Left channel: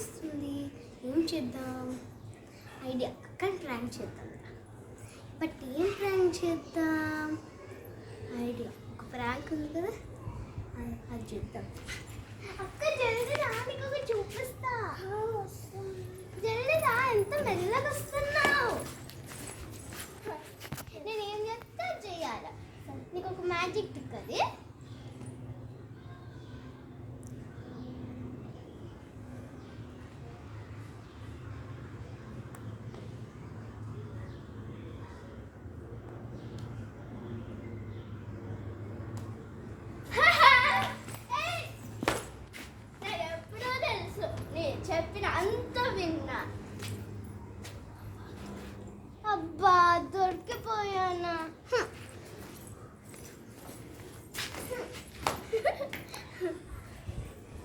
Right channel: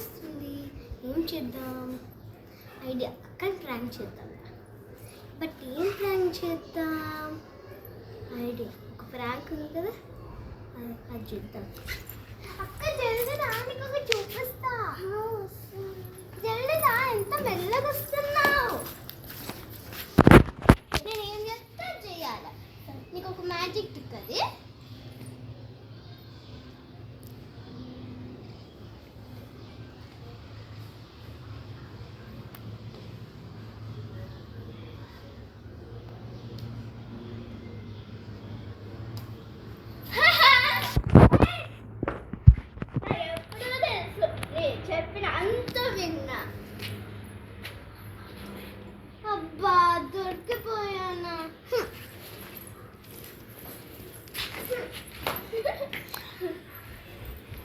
వస్తుంది. ఏం చేద్దాం? ఐడియా, అక్కని ప్రాంక్ చేద్దాం. బట్ ఏం ప్రాంక్ చేద్దాం? ఐడియా, ఒక ప్రాంక్ ఉంది కదా, అది చేద్దాం. అక్క జల్దీ రా, నీకు ఒక చూపిస్తా. జల్దీ రా, ఎంత మెల్లగా వస్తున్నావు. నేను ఏం చెప్తా చేయాలి. నీకు ఒక మ్యాజిక్ టిక్, అది చెప్పిన అంత విన్నా.